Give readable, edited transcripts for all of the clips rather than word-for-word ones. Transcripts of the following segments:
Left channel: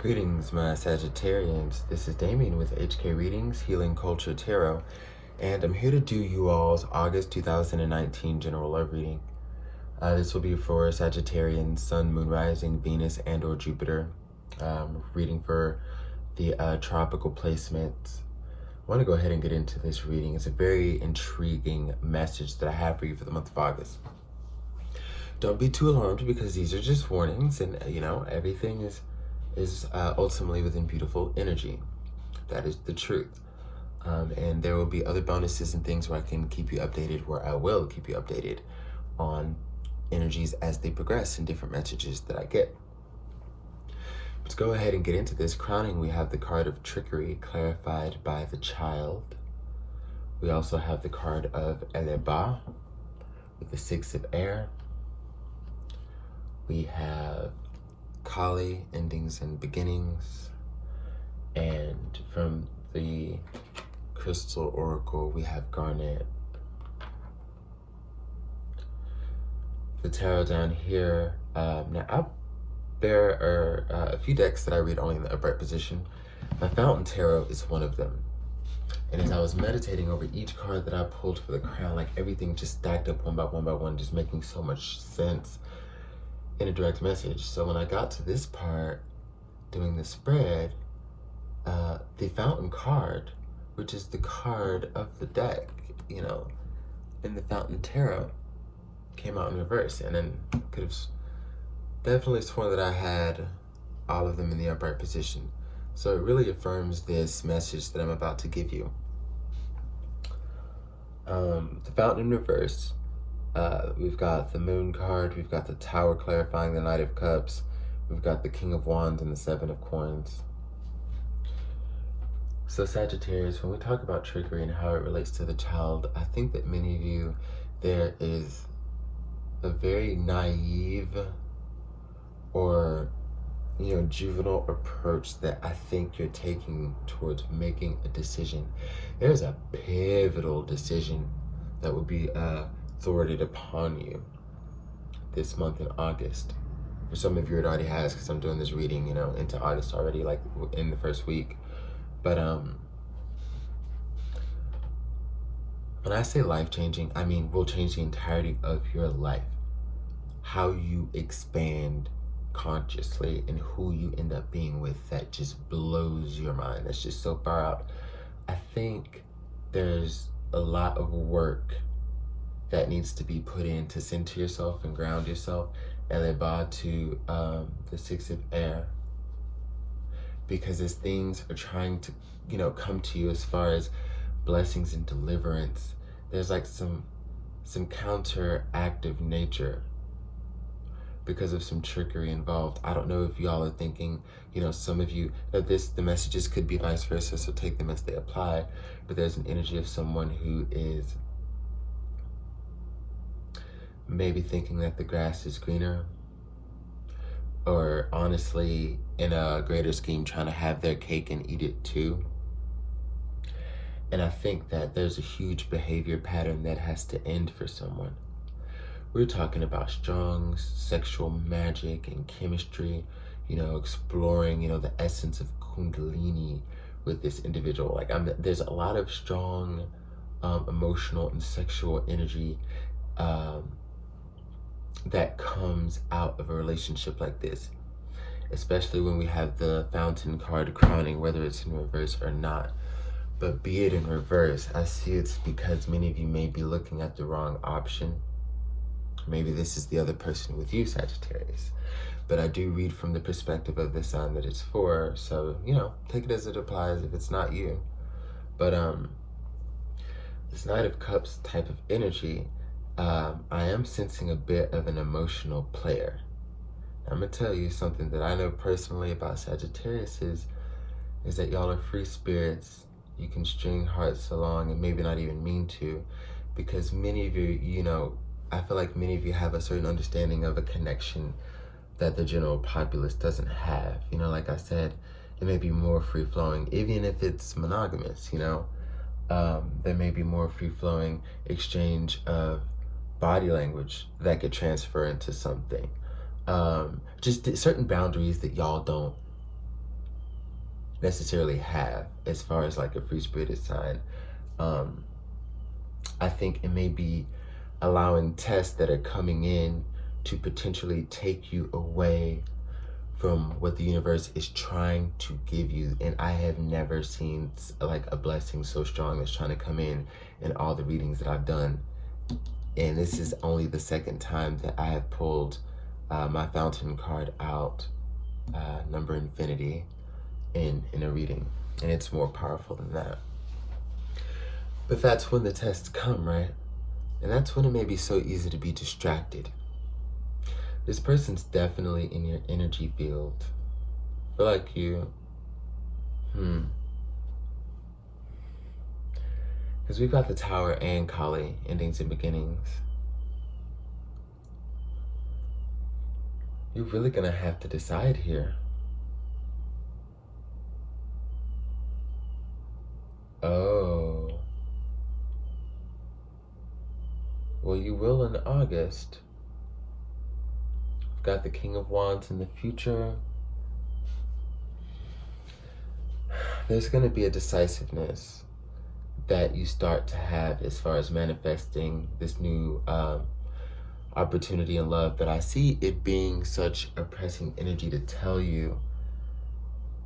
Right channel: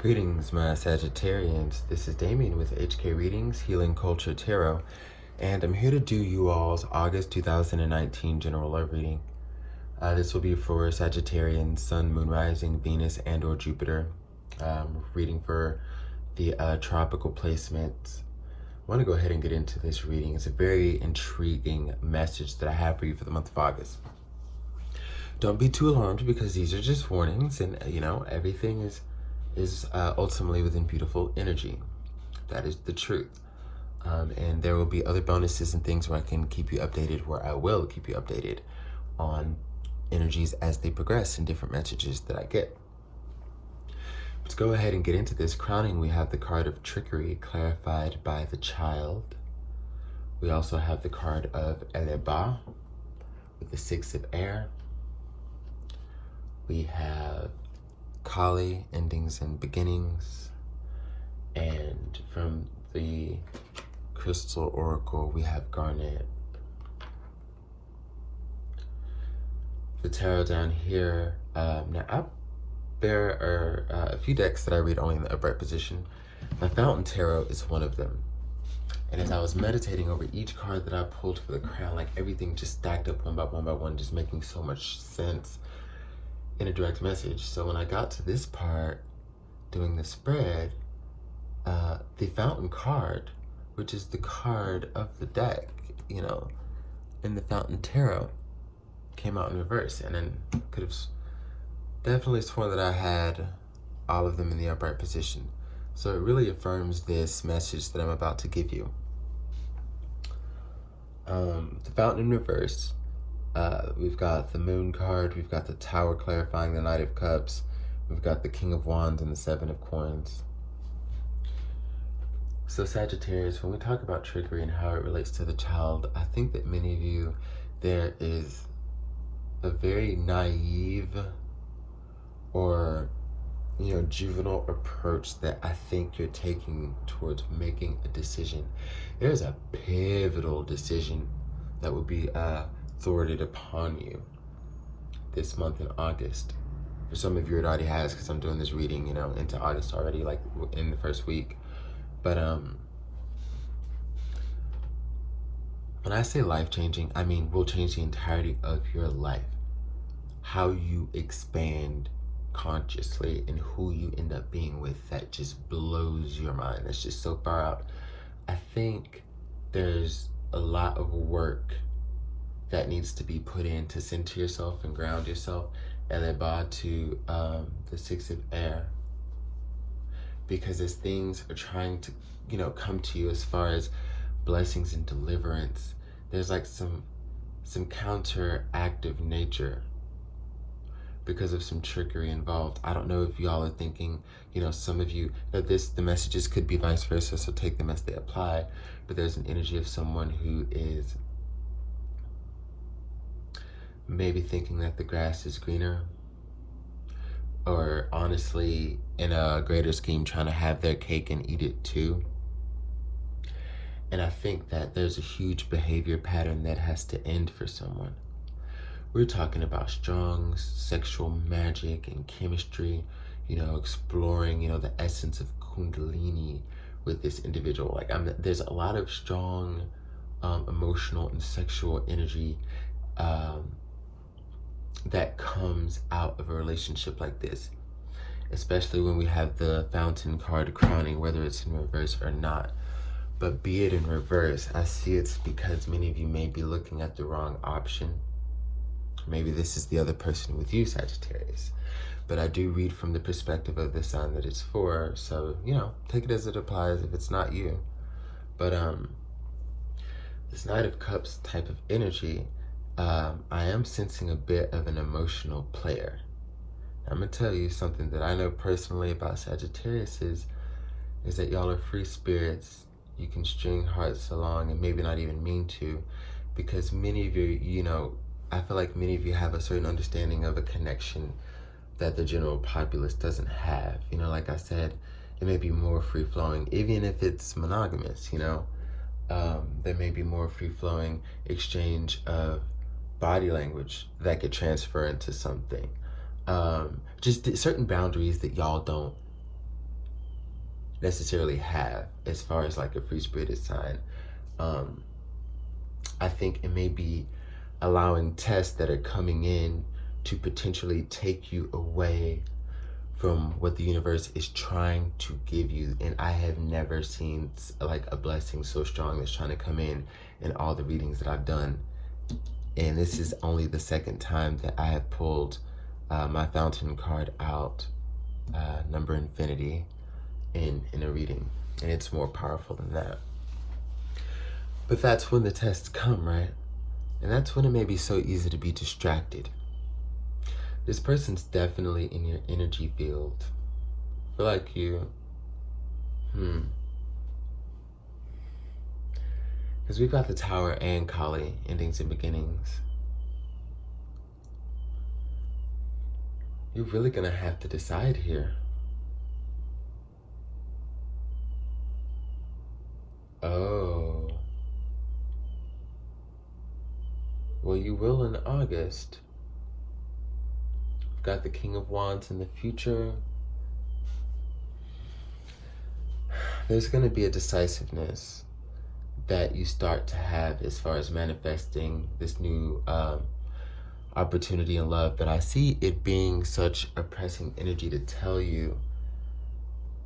Greetings, my Sagittarians. This is Damien with HK Readings, Healing Culture Tarot, and I'm here to do you all's August 2019 General Love Reading. This will be for Sagittarians, Sun, Moon, Rising, Venus, and or Jupiter. Reading for the tropical placements. I want to go ahead and get into this reading. It's a very intriguing message that I have for you for the month of August. Don't be too alarmed because these are just warnings, and everything is ultimately within beautiful energy. That is the truth. And there will be other bonuses and things where I can keep you updated, where I will keep you updated on energies as they progress and different messages that I get. Let's go ahead and get into this. Crowning, we have the card of trickery clarified by the child. We also have the card of Eleba with the Six of Air. We have Kali, endings and beginnings. And from the Crystal Oracle, we have Garnet. The tarot down here. There are a few decks that I read only in the upright position. My Fountain Tarot is one of them. And as I was meditating over each card that I pulled for the crown, like everything just stacked up one by one, just making so much sense in a direct message. So when I got to this part, doing the spread, the Fountain card, which is the card of the deck, in the Fountain Tarot, came out in reverse. And then could have definitely sworn that I had all of them in the upright position. So it really affirms this message that I'm about to give you. The Fountain in reverse. We've got the Moon card, we've got the Tower clarifying the Knight of Cups, we've got the King of Wands and the Seven of Coins. So Sagittarius, when we talk about trickery and how it relates to the child, I think that many of you, there is a very naive or juvenile approach that I think you're taking towards making a decision. There's a pivotal decision that will be thwarted upon you this month in August. For some of you it already has, because I'm doing this reading into August already, like in the first week. But when I say life-changing, I mean will change the entirety of your life. How you expand consciously and who you end up being with, that just blows your mind. It's just so far out. I think there's a lot of work that needs to be put in to center yourself and ground yourself, and then bow to the Six of Air, because as things are trying to come to you as far as blessings and deliverance, there's like some counteractive nature because of some trickery involved. I don't know if y'all are thinking, some of you, that the messages could be vice versa, so take them as they apply, but there's an energy of someone who is maybe thinking that the grass is greener, or honestly, in a greater scheme, trying to have their cake and eat it too. And I think that there's a huge behavior pattern that has to end for someone. We're talking about strong sexual magic and chemistry, exploring, the essence of Kundalini with this individual. Like there's a lot of strong emotional and sexual energy that comes out of a relationship like this, especially when we have the Fountain card crowning, whether it's in reverse or not. But be it in reverse, I see it's because many of you may be looking at the wrong option. Maybe this is the other person with you, Sagittarius. But I do read from the perspective of the sign that it's for, so, take it as it applies if it's not you. But this Knight of Cups type of energy, I am sensing a bit of an emotional player. I'm going to tell you something that I know personally about Sagittarius is that y'all are free spirits. You can string hearts along and maybe not even mean to, because many of you, I feel like many of you have a certain understanding of a connection that the general populace doesn't have. Like I said, it may be more free-flowing, even if it's monogamous, there may be more free-flowing exchange of body language that could transfer into something. Just certain boundaries that y'all don't necessarily have as far as like a free spirited sign. I think it may be allowing tests that are coming in to potentially take you away from what the universe is trying to give you. And I have never seen like a blessing so strong that's trying to come in all the readings that I've done. And this is only the second time that I have pulled my fountain card out, number infinity, in a reading. And it's more powerful than that. But that's when the tests come, right? And that's when it may be so easy to be distracted. This person's definitely in your energy field. I feel like you, because we've got the Tower and Kali, endings and beginnings. You're really gonna have to decide here. Oh. Well, you will in August. Got the King of Wands in the future. There's going to be a decisiveness that you start to have as far as manifesting this new opportunity in love. But I see it being such a pressing energy to tell you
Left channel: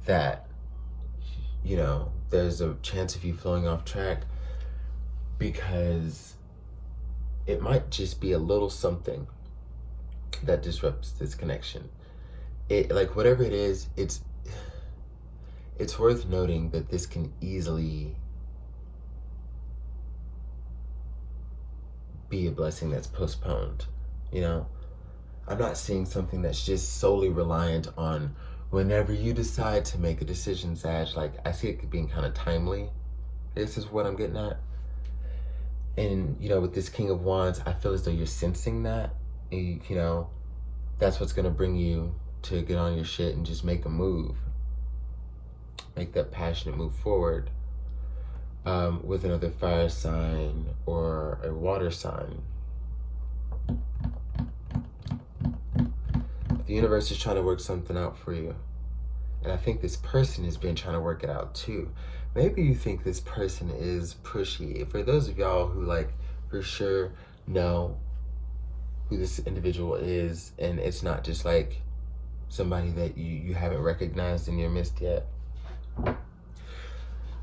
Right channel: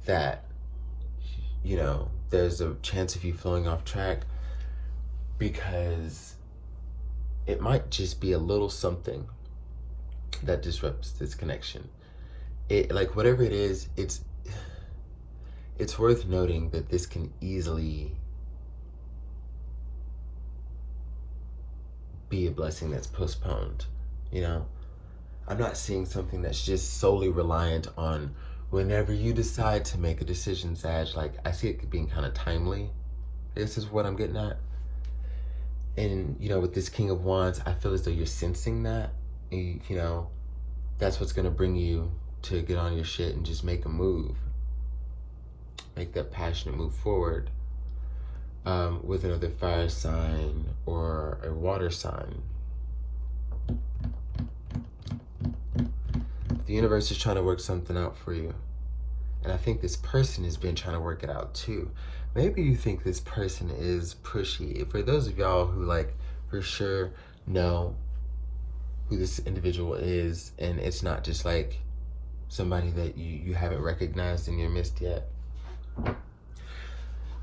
that, you know, there's a chance of you flowing off track, because it might just be a little something that disrupts this connection. It, like, whatever it is, it's worth noting that this can easily be a blessing that's postponed, you know? I'm not seeing something that's just solely reliant on whenever you decide to make a decision, Sag. Like, I see it being kind of timely. This is what I'm getting at. And, you know, with this King of Wands, I feel as though you're sensing that. You know, that's what's going to bring you to get on your shit and just make a move. Make that passionate move forward with another fire sign or a water sign. The universe is trying to work something out for you. And I think this person has been trying to work it out too. Maybe you think this person is pushy. For those of y'all who, like, for sure know who this individual is, and it's not just like somebody that you haven't recognized in your midst yet,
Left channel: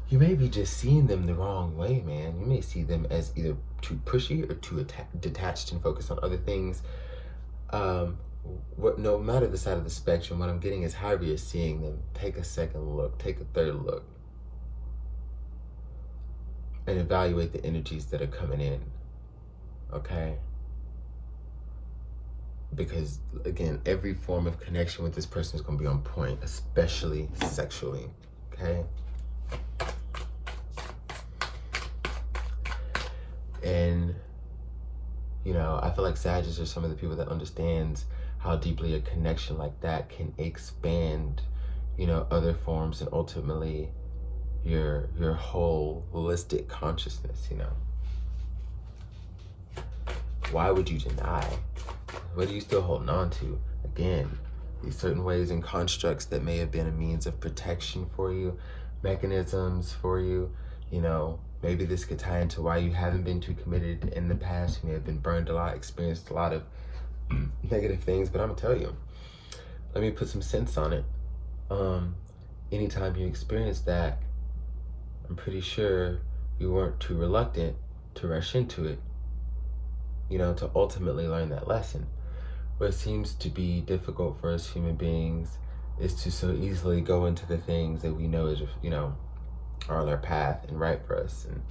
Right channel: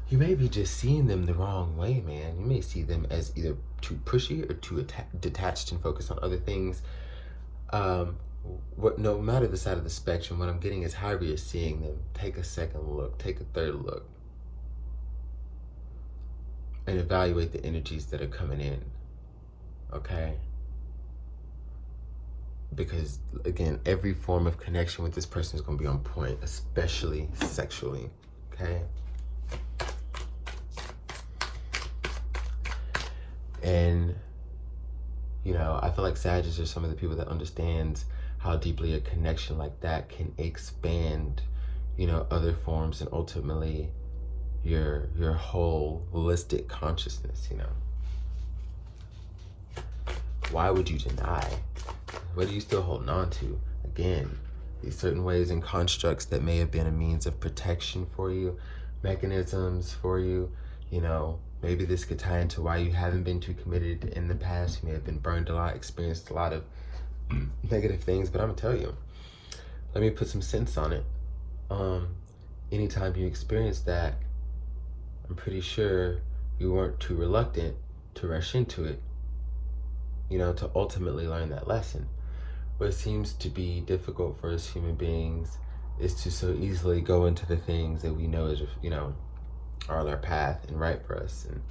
you may be just seeing them the wrong way, man. You may see them as either too pushy or too detached and focused on other things. No matter the side of the spectrum, what I'm getting is however you're seeing them, take a second look, take a third look, and evaluate the energies that are coming in, okay? Because, again, every form of connection with this person is going to be on point, especially sexually, okay? And, you know, I feel like Sagittarius are some of the people that understands how deeply a connection like that can expand, you know, other forms and ultimately your whole holistic consciousness, you know. Why would you deny? What are you still holding on to? Again, these certain ways and constructs that may have been a means of protection for you, mechanisms for you, you know. Maybe this could tie into why you haven't been too committed in the past. You may have been burned a lot, experienced a lot of negative things, but I'm gonna tell you, let me put some sense on it. Anytime you experience that, I'm pretty sure you weren't too reluctant to rush into it, you know, to ultimately learn that lesson. What seems to be difficult for us human beings is to so easily go into the things that we know is, you know, are on our path and right for us and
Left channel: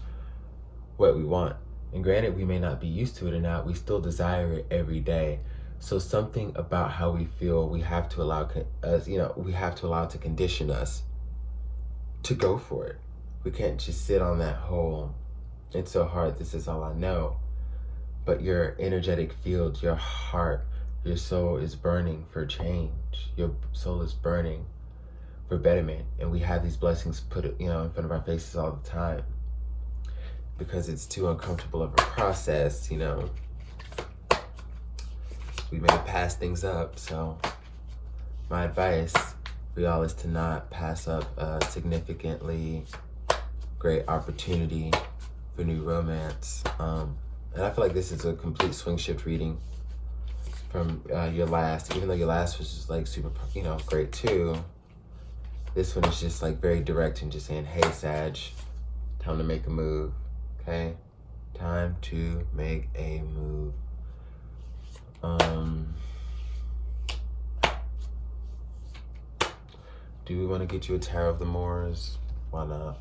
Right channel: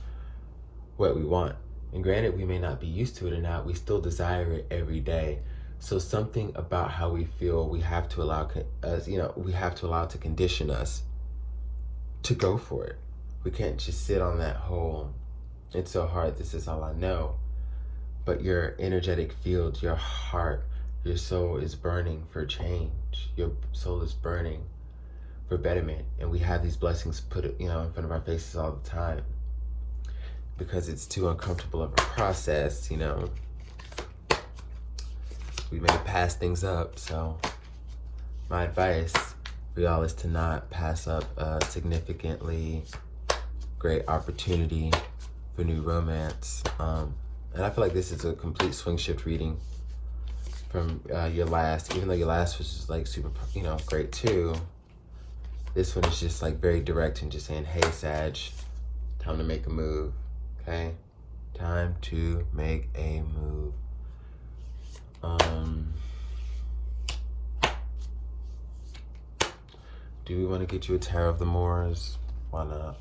what we want. And granted, we may not be used to it or not, we still desire it every day. So something about how we feel, we have to allow we have to allow to condition us to go for it. We can't just sit on that whole, it's so hard, this is all I know. But your energetic field, your heart, your soul is burning for change. Your soul is burning for betterment. And we have these blessings put, you know, in front of our faces all the time because it's too uncomfortable of a process, you know. We may pass things up. So my advice for y'all is to not pass up a significantly great opportunity for new romance. And I feel like this is a complete swing shift reading from your last, even though your last was just like super, great too. This one is just like very direct and just saying, hey, Sag, time to make a move, okay? Time to make a move. Do we want to get you a Tower of the Moors? Why not?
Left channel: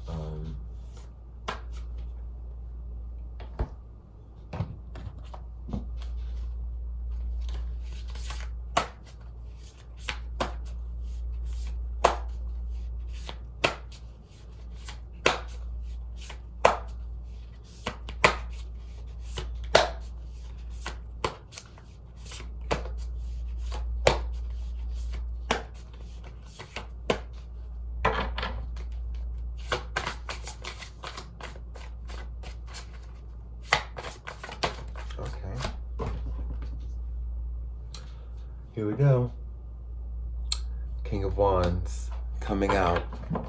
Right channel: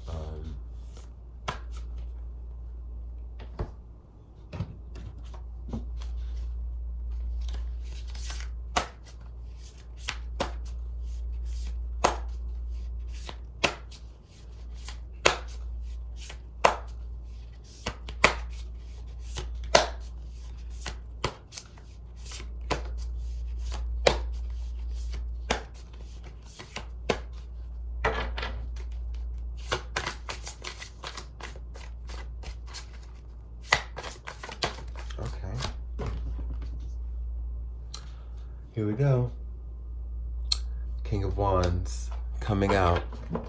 Here we go. King of Wands coming out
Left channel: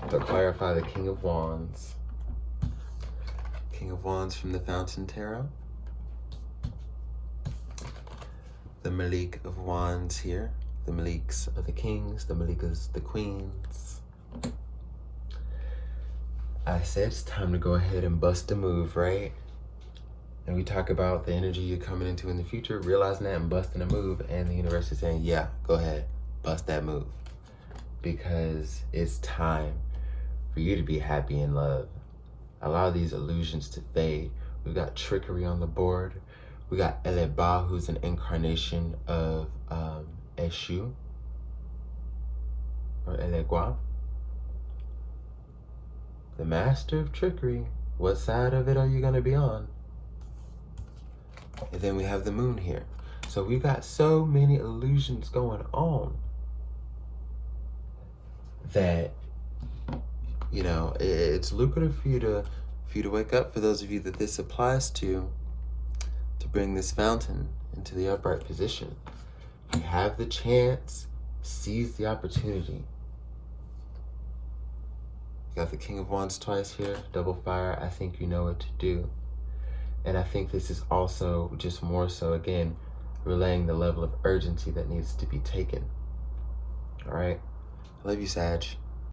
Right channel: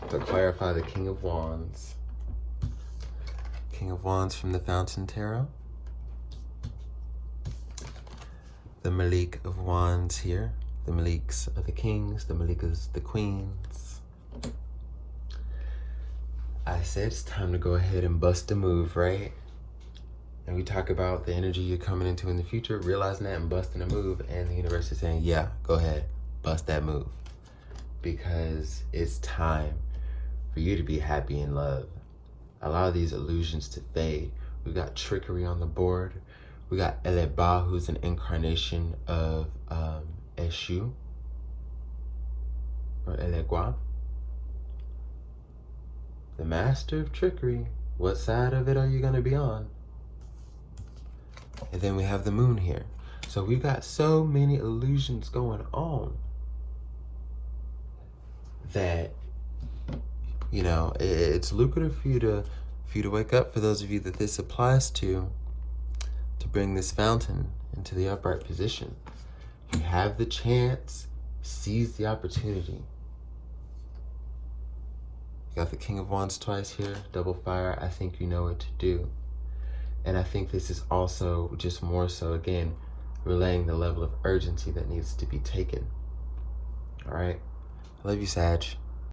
to clarify the King of Wands. King of Wands from the Fountain Tarot. The Malik of Wands here. The Maliks are the kings, the Malikas the queens. I said it's time to go ahead and bust a move, right? And we talk about the energy you're coming into in the future, realizing that and busting a move, and the universe is saying, yeah, go ahead, bust that move. Because it's time for you to be happy in love. Allow these illusions to fade. We got trickery on the board. We got Eleba, who's an incarnation of Eshu, or Elegua. The master of trickery. What side of it are you gonna be on? And then we have the moon here. So we've got so many illusions going on that, it's lucrative for you to wake up, for those of you that this applies to bring this fountain into the upright position. You have the chance, seize the opportunity. You got the King of Wands twice here, double fire. I think you know what to do. And I think this is also just more so, again, relaying the level of urgency that needs to be taken. All right? I love you, Sag.